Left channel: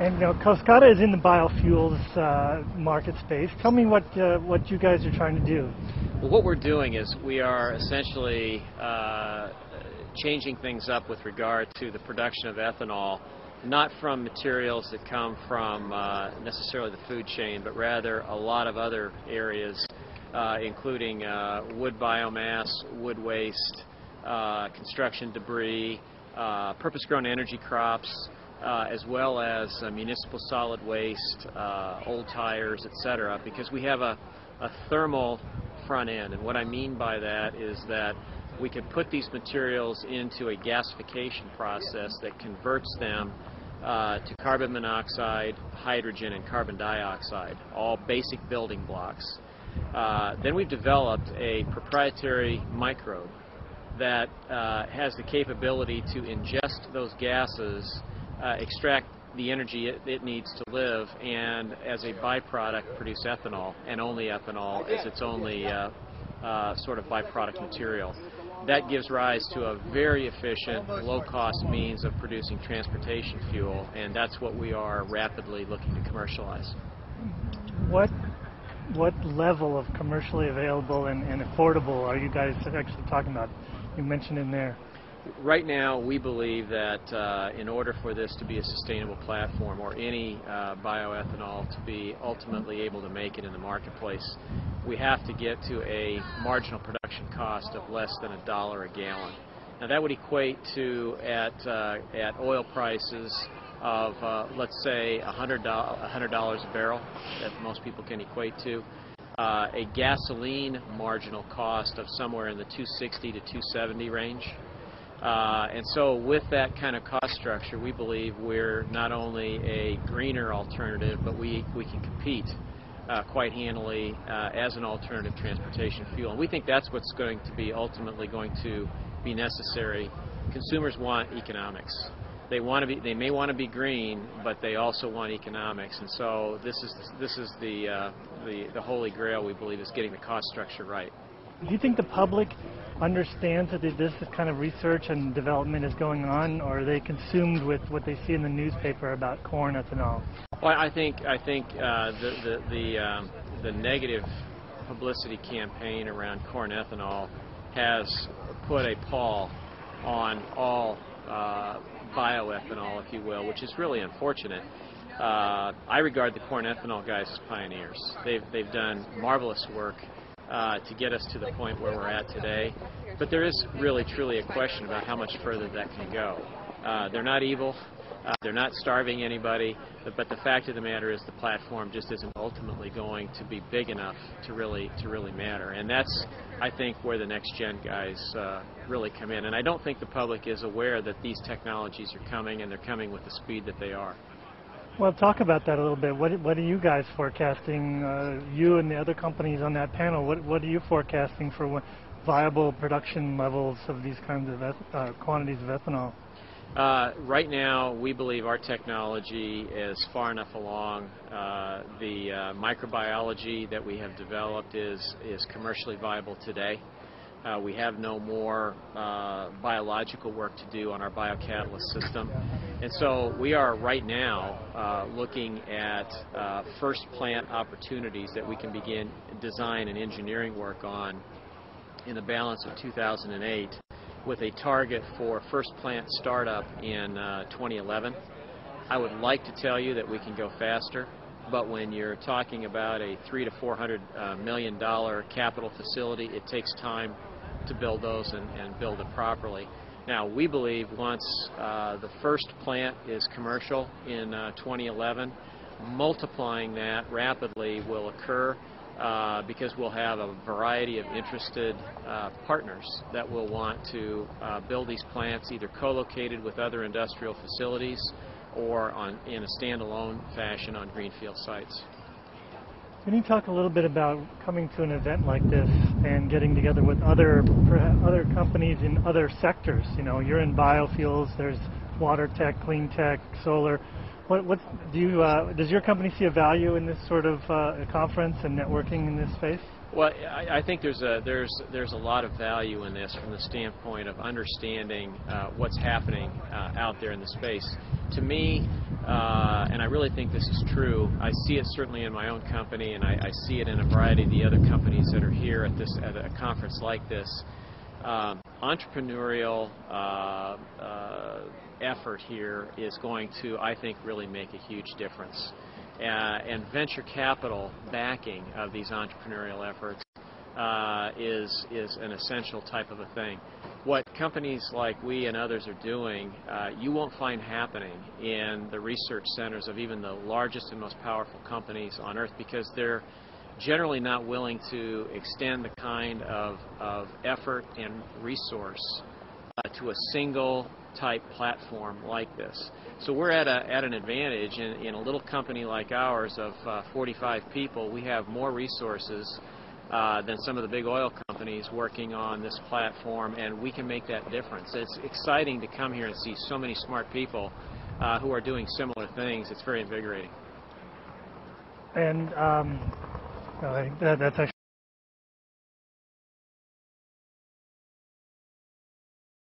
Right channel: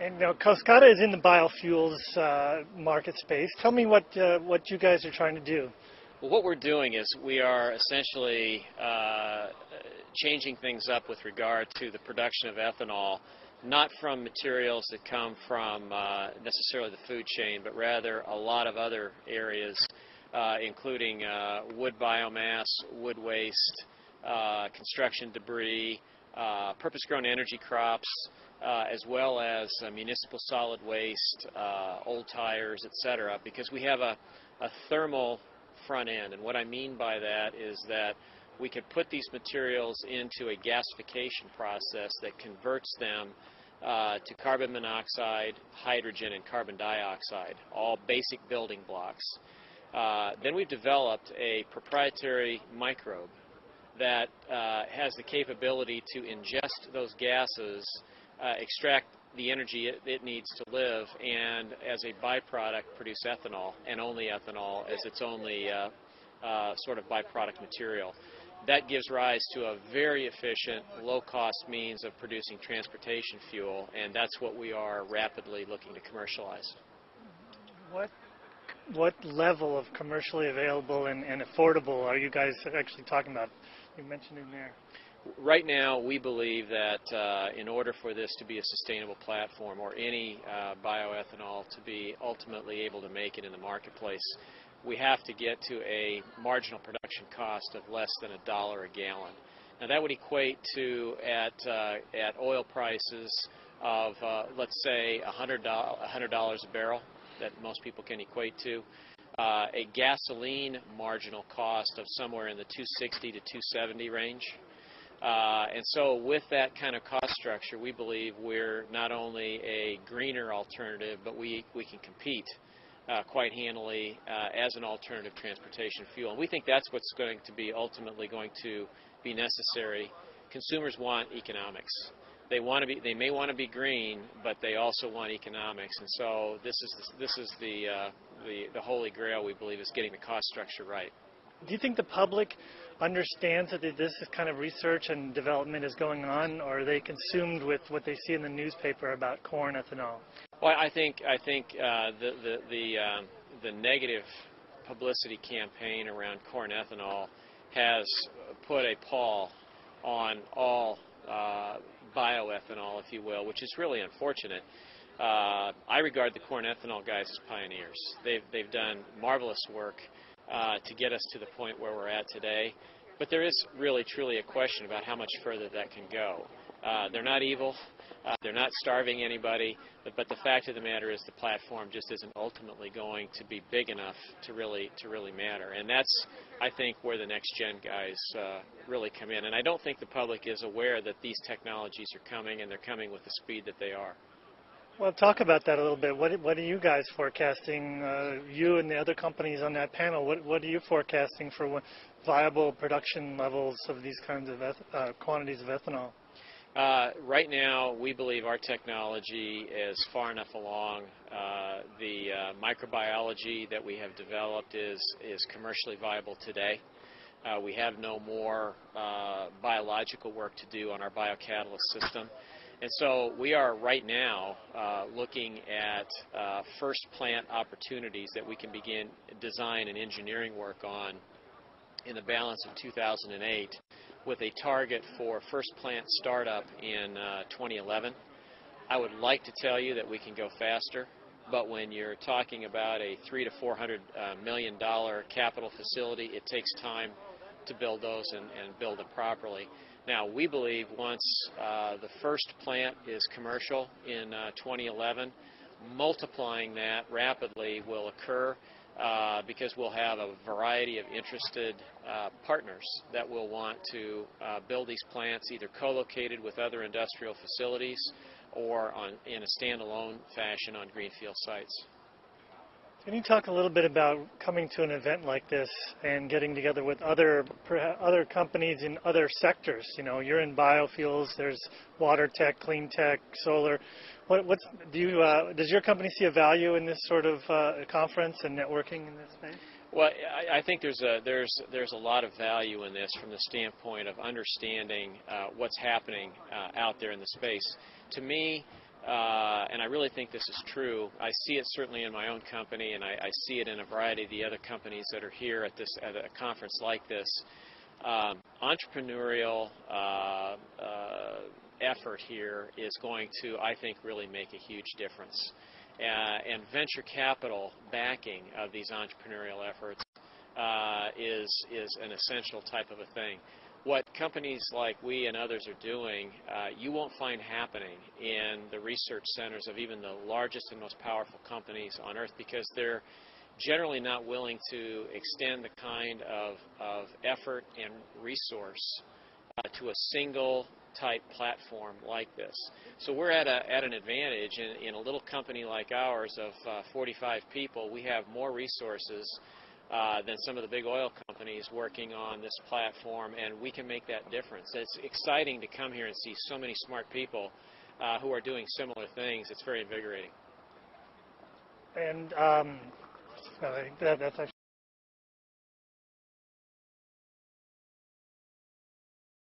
And Coskata is in the biofuels market space. Tell me what you guys are trying to do. Well, what we're doing is we are essentially changing things up with regard to the production of ethanol, not from materials that come from necessarily the food chain, but rather a lot of other areas, including wood biomass, wood waste, construction debris, purpose-grown energy crops, as well as municipal solid waste, old tires, etc., because we have a thermal front end. And what I mean by that is that we could put these materials into a gasification process that converts them to carbon monoxide, hydrogen, and carbon dioxide, all basic building blocks. Then we've developed a proprietary microbe that has the capability to ingest those gases, extract the energy it needs to live, and as a byproduct produce ethanol, and only ethanol as its only sort of byproduct material. That gives rise to a very efficient, low-cost means of producing transportation fuel, and that's what we are rapidly looking to commercialize. What level of commercially available and affordable are you guys actually talking about? You mentioned in there. Right now, we believe that in order for this to be a sustainable platform, or any bioethanol to be ultimately able to make it in the marketplace, we have to get to a marginal production cost of less than $1 a gallon. Now that would equate to, at oil prices of, let's say, $100 a barrel, that most people can equate to, a gasoline marginal cost of somewhere in the $2.60 to $2.70 range. And so with that kind of cost structure, we believe we're not only a greener alternative, but we can compete quite handily as an alternative transportation fuel. And we think that's what's going to be ultimately going to be necessary. Consumers want economics. They may want to be green, but they also want economics. And so this is the holy grail, we believe, is getting the cost structure right. Do you think the public understands that this kind of research and development is going on, or are they consumed with what they see in the newspaper about corn ethanol? Well, I think the negative publicity campaign around corn ethanol has put a pall on all bioethanol, if you will, which is really unfortunate. I regard the corn ethanol guys as pioneers. They've done marvelous work to get us to the point where we're at today. But there is really, truly a question about how much further that can go. They're not evil. They're not starving anybody. But the fact of the matter is the platform just isn't ultimately going to be big enough to really matter. And that's, I think, where the next gen guys really come in. And I don't think the public is aware that these technologies are coming, and they're coming with the speed that they are. Well, talk about that a little bit. What are you guys forecasting, you and the other companies on that panel, what are you forecasting for viable production levels of these kinds of quantities of ethanol? Right now, we believe our technology is far enough along. The microbiology that we have developed is commercially viable today. We have no more biological work to do on our biocatalyst system. And so we are right now looking at first plant opportunities that we can begin design and engineering work on in the balance of 2008, with a target for first plant startup in 2011. I would like to tell you that we can go faster, but when you're talking about a $300 to $400 million capital facility, it takes time to build those and build it properly. Now, we believe once the first plant is commercial in 2011, multiplying that rapidly will occur because we'll have a variety of interested partners that will want to build these plants either co-located with other industrial facilities or in a standalone fashion on greenfield sites. Can you talk a little bit about coming to an event like this and getting together with other companies in other sectors? You know, you're in biofuels, there's water tech, clean tech, solar. Does your company see a value in this sort of conference and networking in this space? Well, I think there's a lot of value in this from the standpoint of understanding what's happening out there in the space. To me, and I really think this is true. I see it certainly in my own company, and I see it in a variety of the other companies that are here at a conference like this. Entrepreneurial effort here is going to, I think, really make a huge difference. And venture capital backing of these entrepreneurial efforts is an essential type of a thing. What companies like we and others are doing, you won't find happening in the research centers of even the largest and most powerful companies on earth, because they're generally not willing to extend the kind of effort and resource to a single type platform like this. So we're at an advantage in a little company like ours of 45 people. We have more resources than some of the big oil companies working on this platform, and we can make that difference. It's exciting to come here and see so many smart people who are doing similar things. It's very invigorating. And that's actually